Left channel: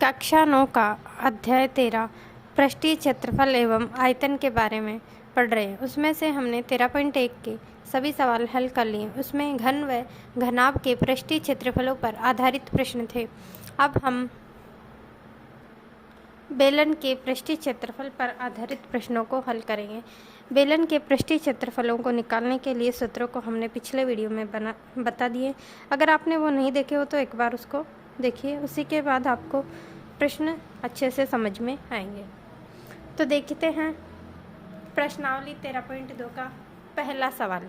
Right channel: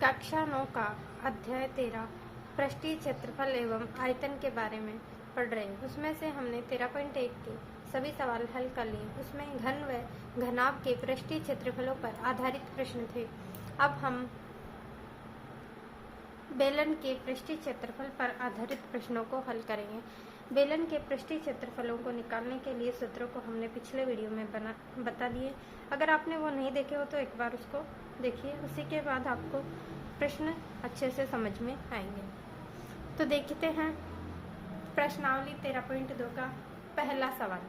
कक्षा 9 का अध्याय 13 पृष्ठीय क्षेत्रफल एवं आयतन के बारे में पढ़ रहे हैं। उसमें से हमने 13.1 के सभी सवाल हल कर लिए। उसमें घन व घनाभ के पृष्ठीय क्षेत्रफलों पर आधारित प्रश्न थे। अब हम बेलन के पृष्ठीय क्षेत्रफल पर आधारित प्रश्नों को हल करेंगे। बेलन के पृष्ठीय क्षेत्रफलों को निकालने के लिए सूत्रों को हमने पिछले वीडियो में बता दिए। अगर आपने वो नहीं देखे हो तो एक बार उसको देखिए, उसी के बाद आपको प्रश्न अच्छे से समझ में आएंगे। तो देखते हैं प्रश्नावली 13.2 का पहला सवाल।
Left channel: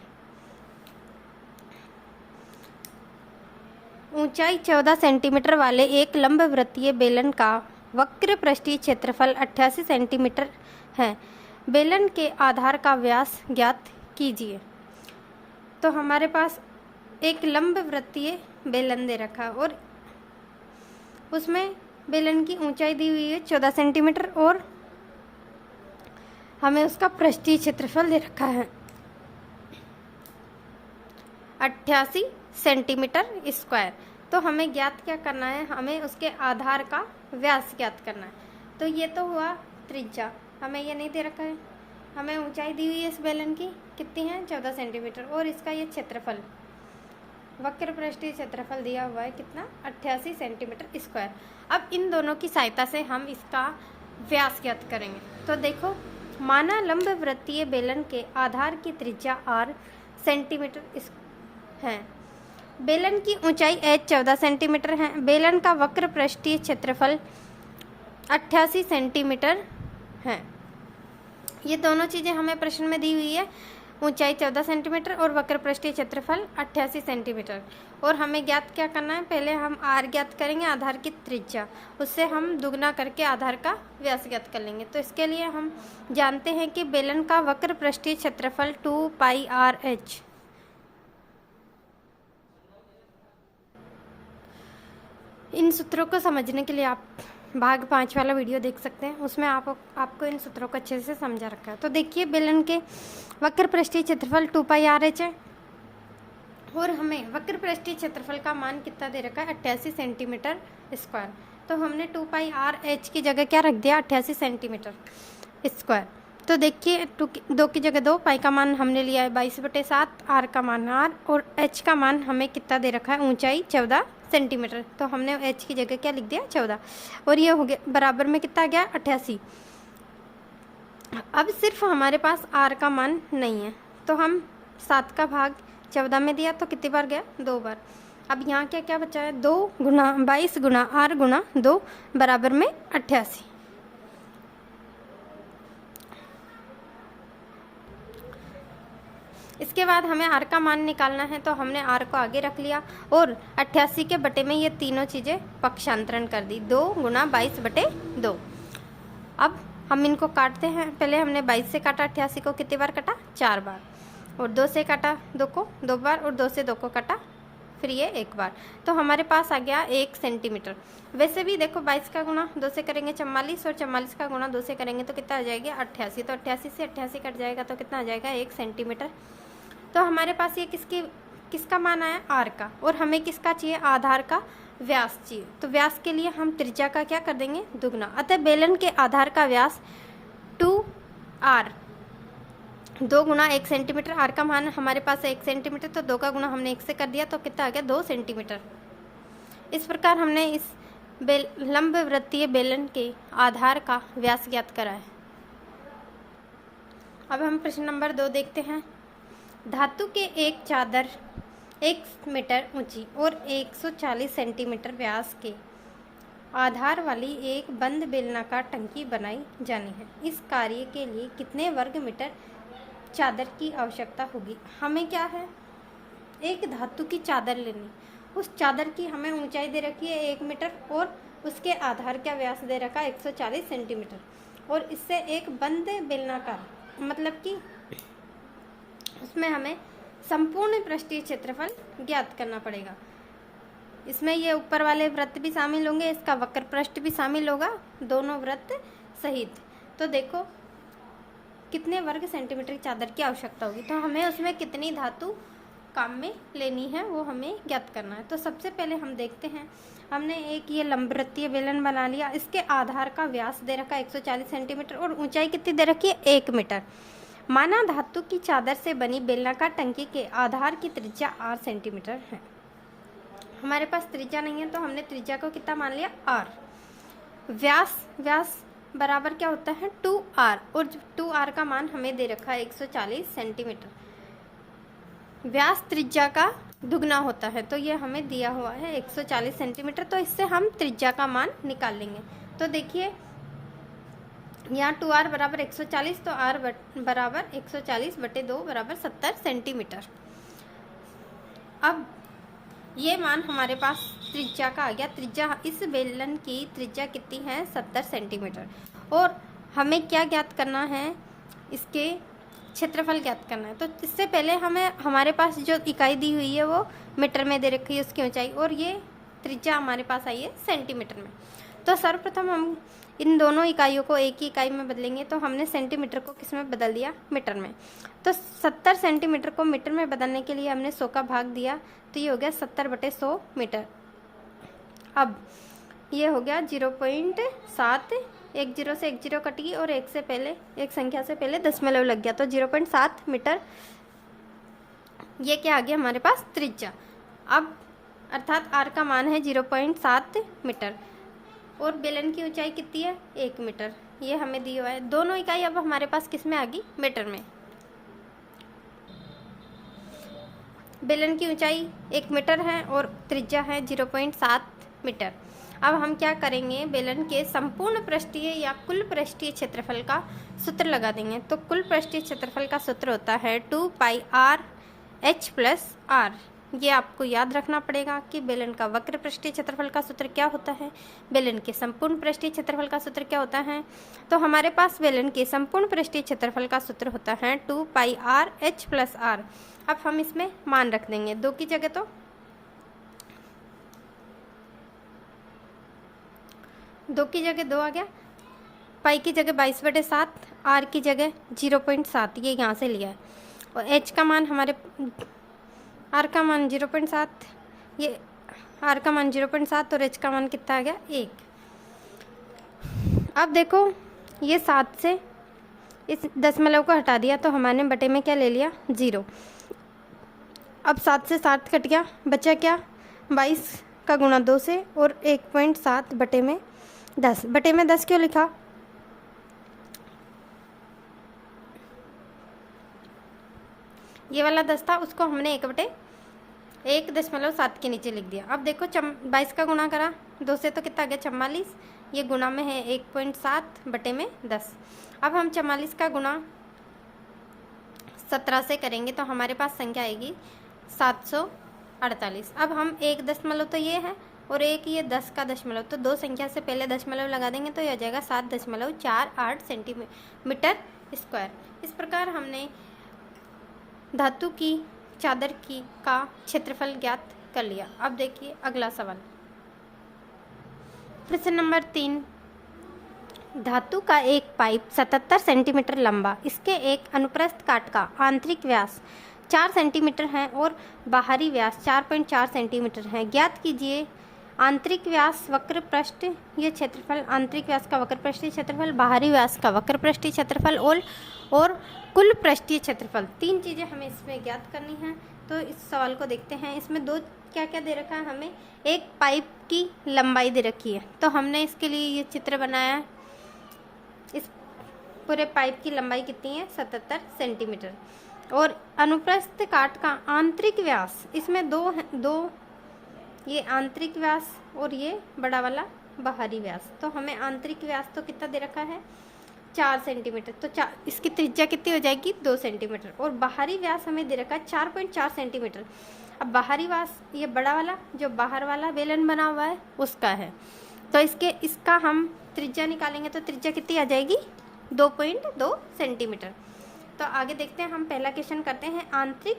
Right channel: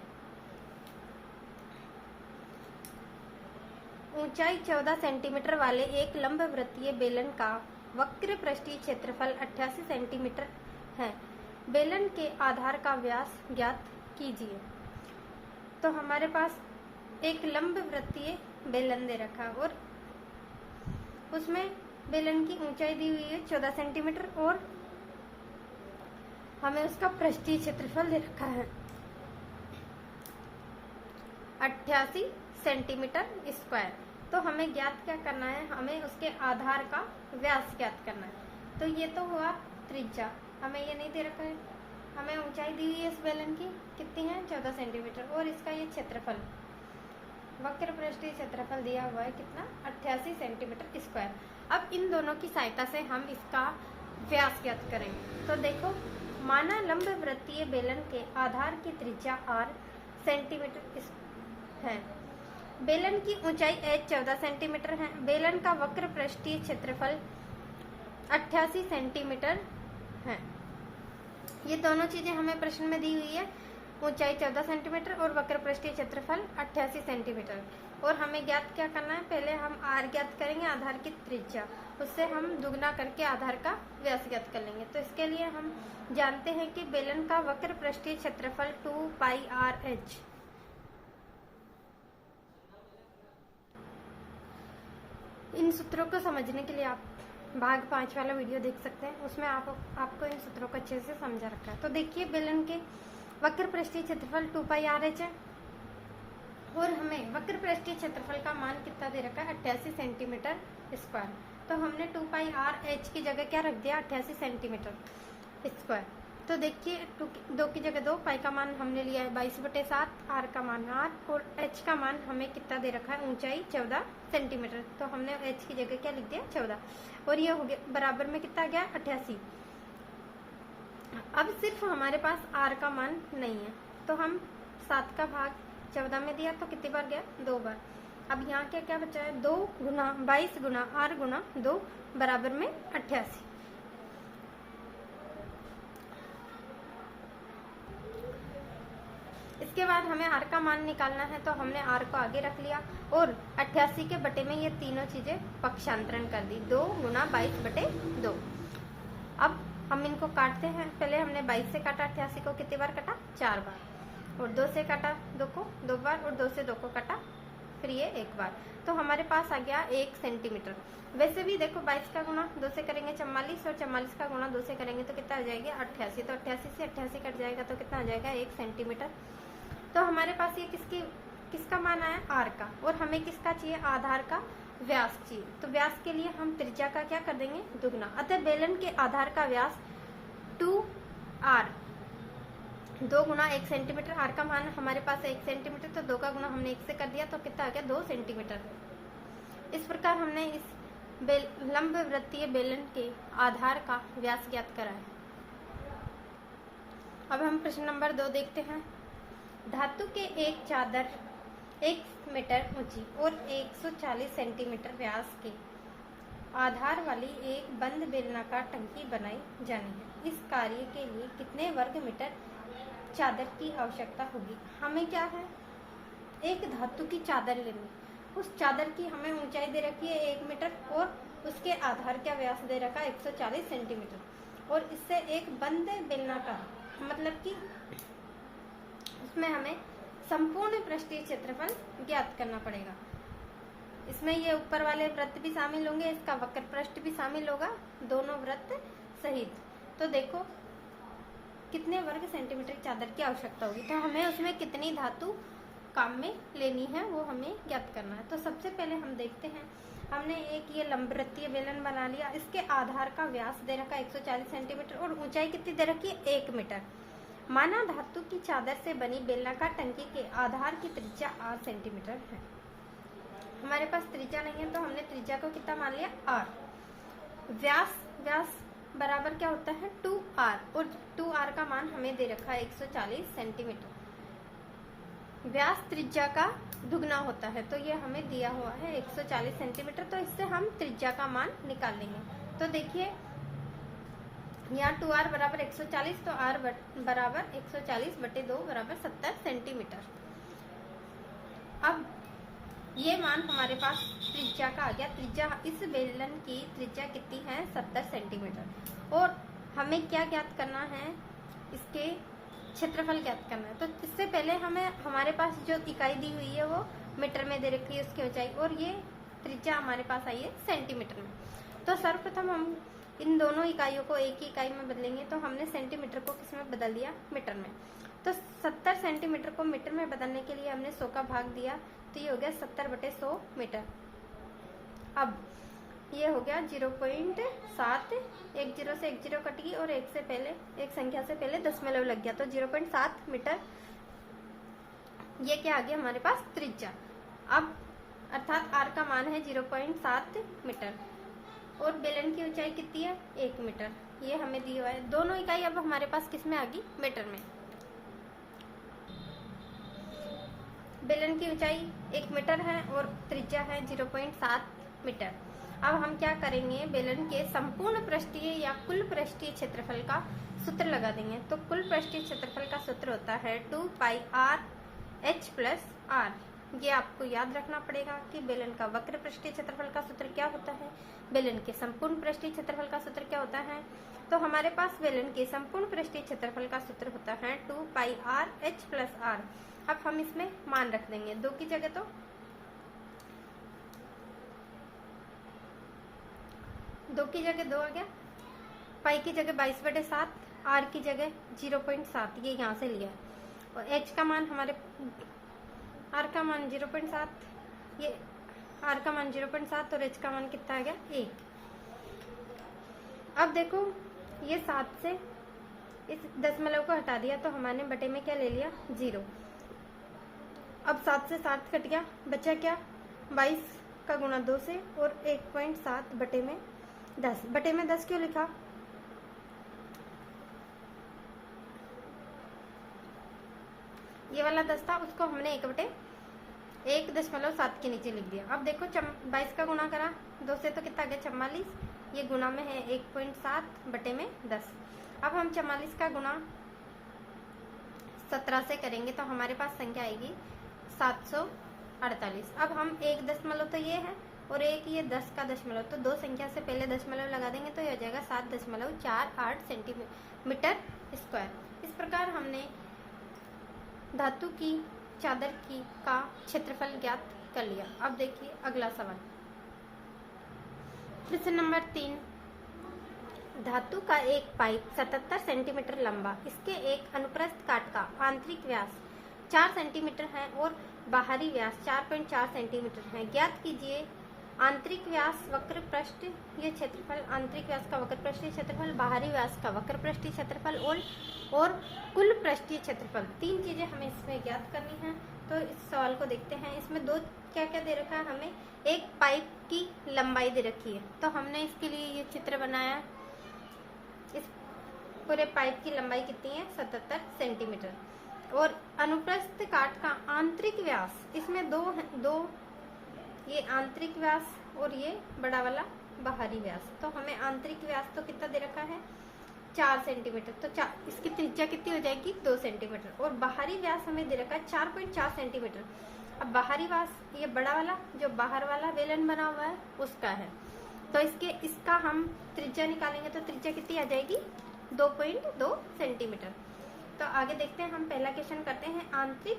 ऊंचाई 14 सेंटीमीटर वाले एक लंबवृत्तीय बेलन का वक्र पृष्ठीय क्षेत्रफल 88 सेंटीमीटर है। बेलन के आधार का व्यास ज्ञात कीजिए। तो हमारे पास एक लंबवृत्तीय बेलन दे रखा है और उसमें बेलन की ऊंचाई दी हुई है 14 सेंटीमीटर और हमें उसका पृष्ठीय क्षेत्रफल दे रखा है 88 सेंटीमीटर स्क्वायर। तो हमें ज्ञात क्या करना है, हमें उसके आधार का व्यास ज्ञात करना है। तो ये तो हुआ त्रिज्या, हमें ये नहीं दे रखा है। हमें ऊंचाई दी हुई है इस बेलन की कितनी है 14 सेंटीमीटर और इसका ये क्षेत्रफल वक्र पृष्ठीय क्षेत्रफल दिया हुआ है कितना 88 सेंटीमीटर स्क्वायर। अब इन दोनों की सहायता से हम इसका व्यास ज्ञात करेंगे। तो देखो, माना लंबवृत्तीय बेलन के आधार की त्रिज्या r सेंटीमीटर है। बेलन की ऊंचाई h 14 सेंटीमीटर है। बेलन का वक्र पृष्ठीय क्षेत्रफल 88 सेंटीमीटर है। ये दोनों चीज़ें हमें प्रश्न में दी हुई है, ऊंचाई 14 सेंटीमीटर और वक्र पृष्ठीय क्षेत्रफल 88 सेंटीमीटर। और हमें ज्ञात क्या करना है, पहले हम r ज्ञात करेंगे, आधार की त्रिज्या, उससे हम दुगना करके आधार का व्यास ज्ञात कर लेंगे। तो इसके लिए हम जानते हैं कि बेलन का वक्र पृष्ठीय क्षेत्रफल 2πr/h। इन सूत्रों को समझने के लिए आप भाग 5 वाला वीडियो देख सकते हैं, उसमें आपको इन सूत्रों को अच्छे से समझा रखा है। तो देखिए, बेलन के वक्र पृष्ठीय क्षेत्रफल 2πr/h है और हमें वक्र पृष्ठीय क्षेत्रफल का मान कितना दे रखा है 88 सेंटीमीटर स्क्वायर। तो हमने 2πr/h की जगह क्या रख दिया 88 सेंटीमीटर स्क्वायर। तो देखिए, 2 की जगह 2, पाई का मान हमने लिया है 22/7, r का मान r और h का मान हमें कितना दे रखा है ऊंचाई 14 सेंटीमीटर। तो हमने h की जगह क्या लिख दिया 14 और ये हो गया बराबर में कितना आ गया 88। अब सिर्फ हमारे पास r का मान नहीं है, तो हम 7 का भाग 14 में दिया तो कितनी बार गया 2 बार। अब यहाँ क्या क्या बचा है 2 गुना 22 गुना r गुना 2 बराबर में 88। इसके बाद हमें r का मान निकालना है, तो हमने r को आगे रख लिया और 88 के बटे में ये तीनों चीज़ें पक्षांतरण कर दी, 2 गुना 22/2। अब हम इनको काटते हैं। पहले हमने 22 से काटा 88 को, कितनी बार काटा 4 बार, और 2 से काटा 2 को 2 बार और 2 से 2 को काटा फिर ये 1 बार। तो हमारे पास आ गया 1 सेंटीमीटर। वैसे भी देखो 22 का गुणा 2 से करेंगे 44 और 44 का गुणा 2 से करेंगे तो कितना आ जाएगा 88। तो 88 से 88 कट जाएगा तो कितना आ जाएगा 1 सेंटीमीटर। तो हमारे पास ये किसका मान आया r का, और हमें किसका चाहिए आधार का व्यास चाहिए। तो व्यास के लिए हम त्रिज्या का क्या कर देंगे दुगना। अतः बेलन के आधार का व्यास 2r 2 गुना 1 सेंटीमीटर, r का मान हमारे पास है 1 सेंटीमीटर, तो 2 का गुना हमने 1 से कर दिया तो कितना आ गया 2 सेंटीमीटर। इस प्रकार हमने इस लंबवृत्तीय बेलन के आधार का व्यास ज्ञात करा है। अब हम प्रश्न नंबर 2 देखते हैं। धातु के एक चादर 1 मीटर ऊंची और 140 सेंटीमीटर व्यास के आधार वाली एक बंद बेलनाकार टंकी बनाई जानी है। इस कार्य के लिए कितने वर्ग मीटर चादर की आवश्यकता होगी। हमें क्या है, एक धातु की चादर लेनी, उस चादर की हमें ऊंचाई दे रखी है 1 मीटर और उसके आधार का व्यास दे रखा है 140 सेंटीमीटर और इससे एक बंद बेलनाकार, मतलब कि उसमें हमें संपूर्ण पृष्ठीय क्षेत्रफल ज्ञात करना पड़ेगा। इसमें ये ऊपर वाले वृत्त भी शामिल होंगे, इसका वक्र पृष्ठ भी शामिल होगा, दोनों वृत्त सहित। तो देखो कितने वर्ग सेंटीमीटर की चादर की आवश्यकता होगी, तो हमें उसमें कितनी धातु काम में लेनी है वो हमें ज्ञात करना है। तो सबसे पहले हम देखते हैं हमने एक ये लंबवृत्तीय बेलन बना लिया। इसके आधार का व्यास दे रखा है 140 सेंटीमीटर और ऊंचाई कितनी दे रखी है 1 मीटर। माना धातु की चादर से बनी बेलनाकार टंकी के आधार की त्रिज्या r सेंटीमीटर है। हमारे पास त्रिज्या नहीं है तो हमने त्रिज्या को कितना मान लिया r। व्यास बराबर क्या होता है 2r और 2r का मान हमें दे रखा है 140 सेंटीमीटर। व्यास त्रिज्या का दुगना होता है तो ये हमें दिया हुआ है 140 सेंटीमीटर। तो इससे हम त्रिज्या का मान निकाल लेंगे। तो देखिए यहाँ 2r बराबर 140 तो r बराबर 140/2 बराबर 70 सेंटीमीटर। अब ये मान हमारे पास त्रिज्या का आ गया। त्रिज्या इस बेलन की त्रिज्या कितनी है 70 सेंटीमीटर। और हमें क्या ज्ञात करना है, इसके क्षेत्रफल ज्ञात करना है। तो इससे पहले हमें हमारे पास जो इकाई दी हुई है वो मीटर में दे रखी है उसकी ऊंचाई, और ये त्रिज्या हमारे पास आई है सेंटीमीटर में। तो सर्वप्रथम हम इन दोनों इकाइयों को एक ही इकाई में बदलेंगे। तो हमने सेंटीमीटर को किस में बदल दिया, मीटर में। तो 70 सेंटीमीटर को मीटर में बदलने के लिए हमने 100 का भाग दिया तो ये हो गया 70/100 मीटर। अब ये हो गया 0.7, एक जीरो से एक जीरो कट गई और एक संख्या से पहले दशमलव लग गया तो 0.7 मीटर। ये क्या आ गया हमारे पास त्रिज्या। अब अर्थात r का मान है 0.7 मीटर और बेलन की ऊंचाई कितनी है 1 मीटर। ये हमें दिया हुआ है। दोनों इकाई अब हमारे पास किस में आ गई, मीटर में। बेलन की ऊंचाई 1 मीटर है और त्रिज्या है 0.7 मीटर। अब हम क्या करेंगे, बेलन के संपूर्ण पृष्ठीय या कुल पृष्ठीय क्षेत्रफल का सूत्र लगा देंगे। तो कुल पृष्ठीय क्षेत्रफल का सूत्र होता है 2πr/h+r। ये आपको याद रखना पड़ेगा कि बेलन का वक्र पृष्ठीय क्षेत्रफल का सूत्र क्या होता है, बेलन के संपूर्ण पृष्ठीय क्षेत्रफल का सूत्र क्या होता है। तो हमारे पास बेलन के संपूर्ण पृष्ठीय क्षेत्रफल का सूत्र होता है 2πr/h+r। अब हम इसमें मान रख देंगे। 2 की जगह तो 2 की जगह 2 आ गया, पाई की जगह 22/7, r की जगह 0.7 ये यहाँ से लिया है, और h का मान हमारे r का मान 0.7, ये r का मान 0.7 और h का मान कितना आ गया 1। अब देखो ये 7 से इस दशमलव को हटा दिया तो हमारे बटे में क्या ले लिया 0। अब 7 से 7 कट गया, बचा क्या 22 का गुणा 2 से और 1.7 बटे में 10। बटे में 10 क्यों लिखा, ये वाला 10 था उसको हमने 1/1.7 के नीचे लिख दिया। अब देखो 22 का गुणा करा 2 से तो कितना आ गया 44, ये गुणा में है 1.7 बटे में 10। अब हम 44 का गुणा 17 से करेंगे तो हमारे पास संख्या आएगी 748। अब हम 1 दशमलव तो ये है और एक ये 10 का दशमलव, तो 2 संख्या से पहले दशमलव लगा देंगे तो यह हो जाएगा 7.48 सेंटीमीटर स्क्वायर। इस प्रकार हमने धातु की चादर का क्षेत्रफल ज्ञात कर लिया। अब देखिए अगला सवाल, प्रश्न नंबर 3। धातु का एक पाइप 77 सेंटीमीटर लंबा, इसके एक अनुप्रस्थ काट का आंतरिक व्यास 4 सेंटीमीटर है और बाहरी व्यास 4.4 सेंटीमीटर है। ज्ञात कीजिए आंतरिक व्यास वक्र पृष्ठ ये क्षेत्रफल, आंतरिक व्यास का वक्र पृष्ठीय क्षेत्रफल, बाहरी व्यास का वक्र पृष्ठीय क्षेत्रफल और कुल पृष्ठीय क्षेत्रफल। 3 चीज़ें हमें इसमें ज्ञात करनी है। तो इस सवाल को देखते हैं। इसमें 2 क्या क्या दे रखा है, हमें एक पाइप की लंबाई दे रखी है तो हमने इसके लिए ये चित्र बनाया है। इस पूरे पाइप की लंबाई कितनी है 77 सेंटीमीटर और अनुप्रस्थ काट का आंतरिक व्यास, इसमें दो ये आंतरिक व्यास और ये बड़ा वाला बाहरी व्यास। तो हमें आंतरिक व्यास तो कितना दे रखा है 4 सेंटीमीटर, तो इसकी त्रिज्या कितनी हो जाएगी 2 सेंटीमीटर और बाहरी व्यास हमें दे रखा है 4.4 सेंटीमीटर। अब बाहरी व्यास ये बड़ा वाला जो बाहर वाला बेलन बना हुआ है उसका है, तो इसका हम त्रिज्या निकालेंगे तो त्रिज्या कितनी आ जाएगी 2.2 सेंटीमीटर। तो आगे देखते हैं, हम पहला क्वेश्चन करते हैं आंतरिक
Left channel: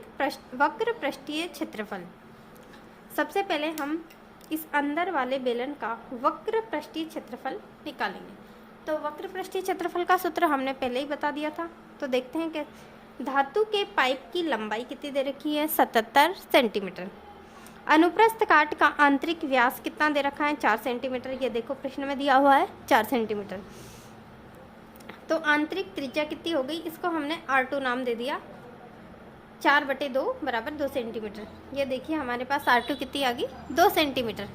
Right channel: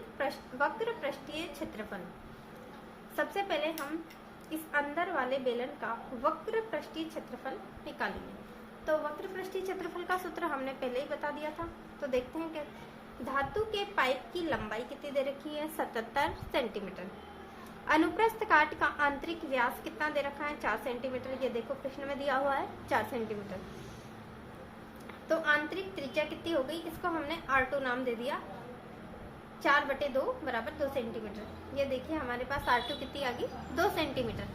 वक्र पृष्ठीय क्षेत्रफल। सबसे पहले हम इस अंदर वाले बेलन का वक्र पृष्ठीय क्षेत्रफल निकालेंगे। तो वक्र पृष्ठीय क्षेत्रफल का सूत्र हमने पहले ही बता दिया था। तो देखते हैं कि धातु के पाइप की लंबाई कितनी दे रखी है 77 सेंटीमीटर। अनुप्रस्थ काट का आंतरिक व्यास कितना दे रखा है? 4 सेंटीमीटर। ये देखो प्रश्न में दिया हुआ है 4 सेंटीमीटर। तो आंतरिक त्रिज्या कितनी हो गई? इसको हमने R2 नाम दे दिया। 4/2 बराबर 2 सेंटीमीटर। ये देखिए हमारे पास R2 कितनी आ गई? 2 सेंटीमीटर।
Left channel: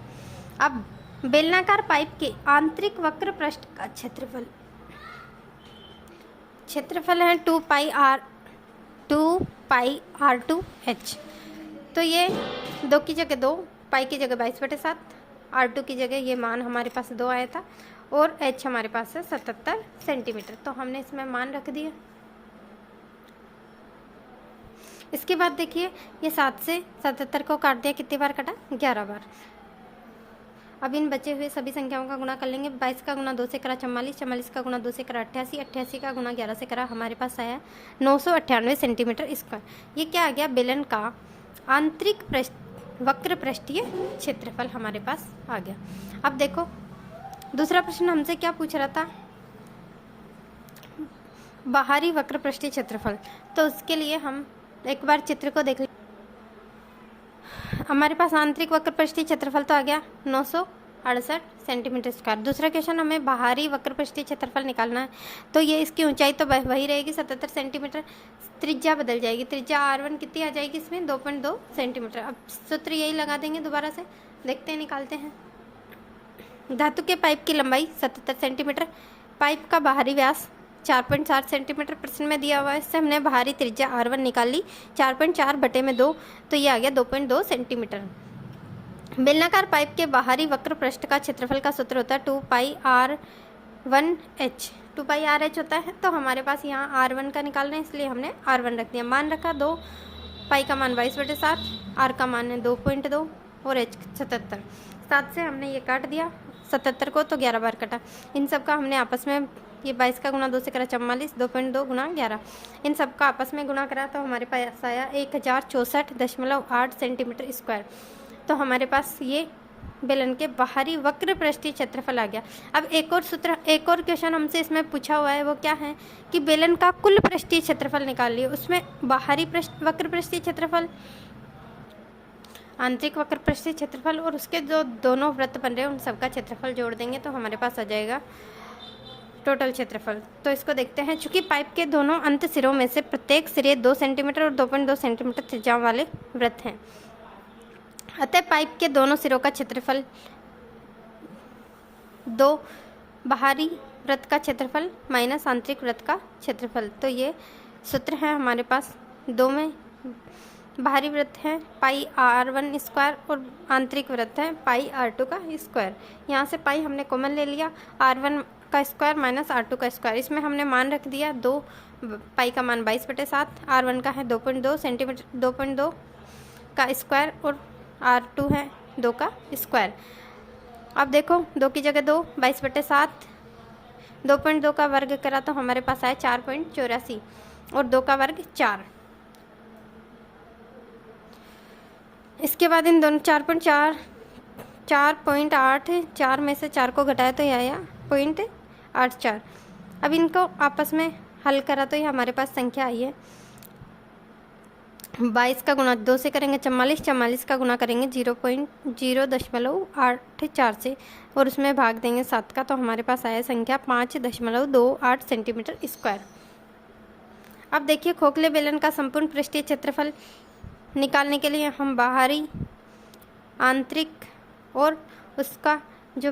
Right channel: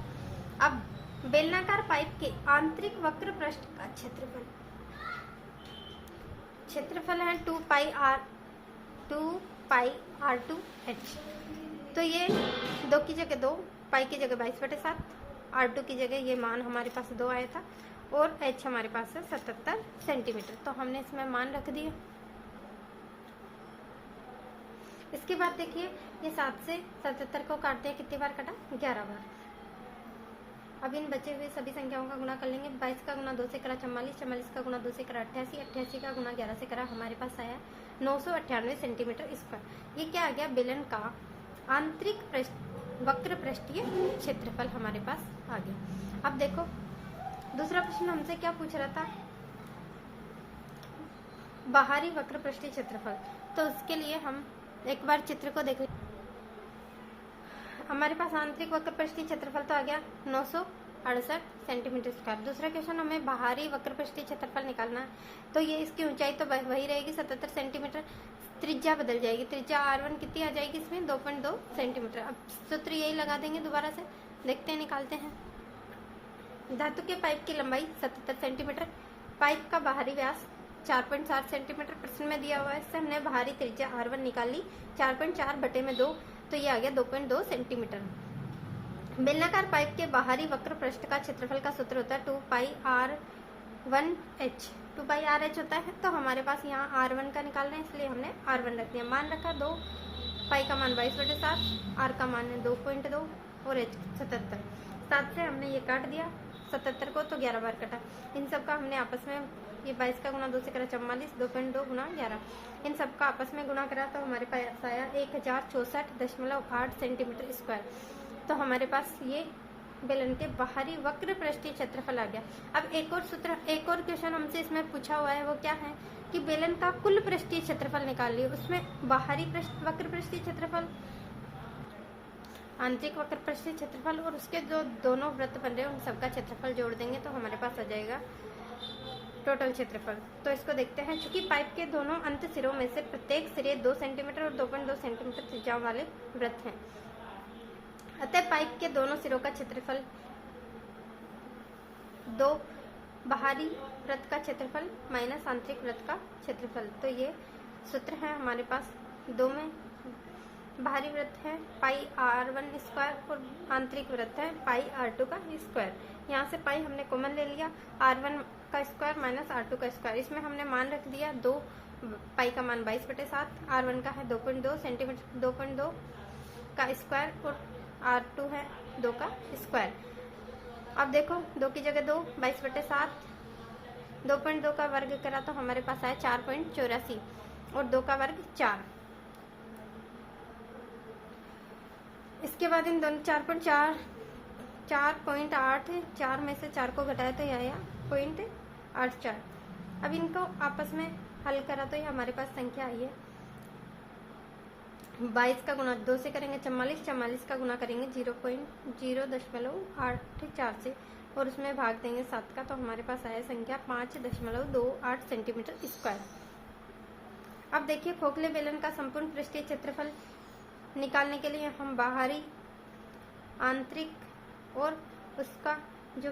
अब बेलनाकार पाइप के आंतरिक वक्र पृष्ठ का क्षेत्रफल है 2 पाई R2H। तो ये 2 की जगह 2, पाई की जगह 22/7, R2 की जगह ये मान हमारे पास 2 आया था और H हमारे पास है 77 सेंटीमीटर। तो हमने इसमें मान रख दिया। इसके बाद देखिए ये 7 से 77 को काट दिया, कितनी बार काटा? 11 बार। अब इन बचे हुए सभी संख्याओं का गुणा कर लेंगे। 22 का गुणा 2 से करा 44, 44 का गुणा 2 से करा 88, 88 का गुणा 11 से करा हमारे पास आया 998 सेंटीमीटर स्क्वायर। ये क्या आ गया? बेलन का आंतरिक वक्र पृष्ठीय क्षेत्रफल हमारे पास आ गया। अब देखो दूसरा प्रश्न हमसे क्या पूछ रहा था? बाहरी वक्र पृष्ठीय क्षेत्रफल। तो उसके लिए हम एक बार चित्र को देख लें। हमारे पास आंतरिक वक्र पृष्ठीय क्षेत्रफल तो आ गया 968 सेंटीमीटर स्क्वायर। दूसरा क्वेश्चन हमें बाहरी वक्र पृष्ठीय क्षेत्रफल निकालना है। तो ये इसकी ऊंचाई तो वही रहेगी 77 सेंटीमीटर, त्रिज्या बदल जाएगी। त्रिज्या R1 कितनी आ जाएगी इसमें? 2.2 सेंटीमीटर। अब सूत्र यही लगा देंगे, दोबारा से देखते हैं, निकालते हैं। धातु के पाइप की लंबाई 77 सेंटीमीटर, पाइप का बाहरी व्यास 4.4 सेंटीमीटर प्रश्न में दिया हुआ है। इससे हमने बाहरी त्रिज्या R1 निकाल ली, 4.4/2, तो ये आ गया 2.2 सेंटीमीटर। बेलनाकार पाइप के बाहरी वक्र पृष्ठ का क्षेत्रफल का सूत्र होता है 2 पाई R1H। 2 पाई RH होता है। तो हमारे पास यहाँ R1 का निकालना है, इसलिए हमने R1 रख दिया। मान रखा 2, पाई का मान 22/7, R का मान है 2.2 और H 77। 7 से हमने ये काट दिया 77 को, तो 11 बार कटा। इन सब का हमने आपस में, ये 22 का गुणा 2 से करा 44, 2.2 गुणा 11, इन सब का आपस में गुणा करा तो हमारे पास आया 1064.8 सेंटीमीटर स्क्वायर। तो हमारे पास ये बेलन के बाहरी वक्र पृष्ठीय क्षेत्रफल आ गया। अब एक और क्वेश्चन हमसे इसमें पूछा हुआ है, वो क्या है कि बेलन का कुल पृष्ठीय क्षेत्रफल निकाल लिया। उसमें बाहरी वक्र पृष्ठीय क्षेत्रफल, आंतरिक वक्र पृष्ठीय क्षेत्रफल और उसके जो दोनों वृत्त बन रहे हैं उन सबका क्षेत्रफल जोड़ देंगे तो हमारे पास आ जाएगा टोटल क्षेत्रफल। तो इसको देखते हैं। चूंकि पाइप के दोनों अंत सिरों में से प्रत्येक सिरे 2 सेंटीमीटर और 2.2 सेंटीमीटर त्रिज्या वाले वृत्त हैं, अतः पाइप के दोनों सिरों का क्षेत्रफल 2 बाहरी वृत्त का क्षेत्रफल माइनस आंतरिक वृत्त का क्षेत्रफल। तो ये सूत्र है हमारे पास। 2 में बाहरी वृत्त है पाई R1 स्क्वायर और आंतरिक वृत्त है पाई R2 का स्क्वायर। यहाँ से पाई हमने कॉमन ले लिया, R1 का स्क्वायर माइनस R2 का स्क्वायर। इसमें हमने मान रख दिया 2, पाई का मान 22/7, R1 का है 2.2 सेंटीमीटर, 2.2 का स्क्वायर और R2 है 2 का स्क्वायर। अब देखो 2 की जगह 2, 22/7, 2.2 का वर्ग करा तो हमारे पास आया 4.84 और 2 का वर्ग 4। इसके बाद इन दोनों 4.4, 4.8, 4 में से 4 को घटाया तो यह आया 0.84। अब इनको आपस में हल करा तो ये हमारे पास संख्या आई है 22 का गुणा 2 से करेंगे 44, 44 का गुणा करेंगे 0.084 से और उसमें भाग देंगे 7 का, तो हमारे पास आया संख्या 5.28 सेंटीमीटर स्क्वायर। अब देखिए खोखले बेलन का संपूर्ण पृष्ठीय क्षेत्रफल निकालने के लिए हम बाहरी, आंतरिक और उसका जो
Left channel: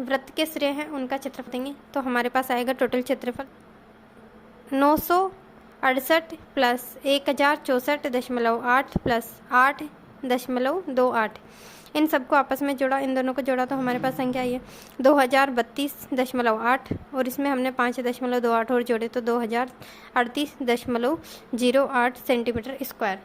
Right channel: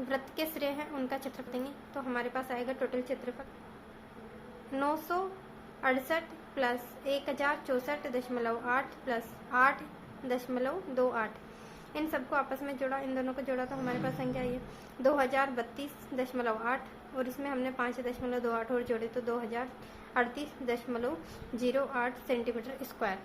वृत्त के सिरे हैं उनका क्षेत्रफल देंगे तो हमारे पास आएगा टोटल क्षेत्रफल 968 प्लस 1064.8 प्लस 8.28। इन सबको आपस में जोड़ा, इन दोनों को जोड़ा तो हमारे पास संख्या आई है 2032.8 और इसमें हमने 5.28 और जोड़े तो 2038.08 सेंटीमीटर स्क्वायर।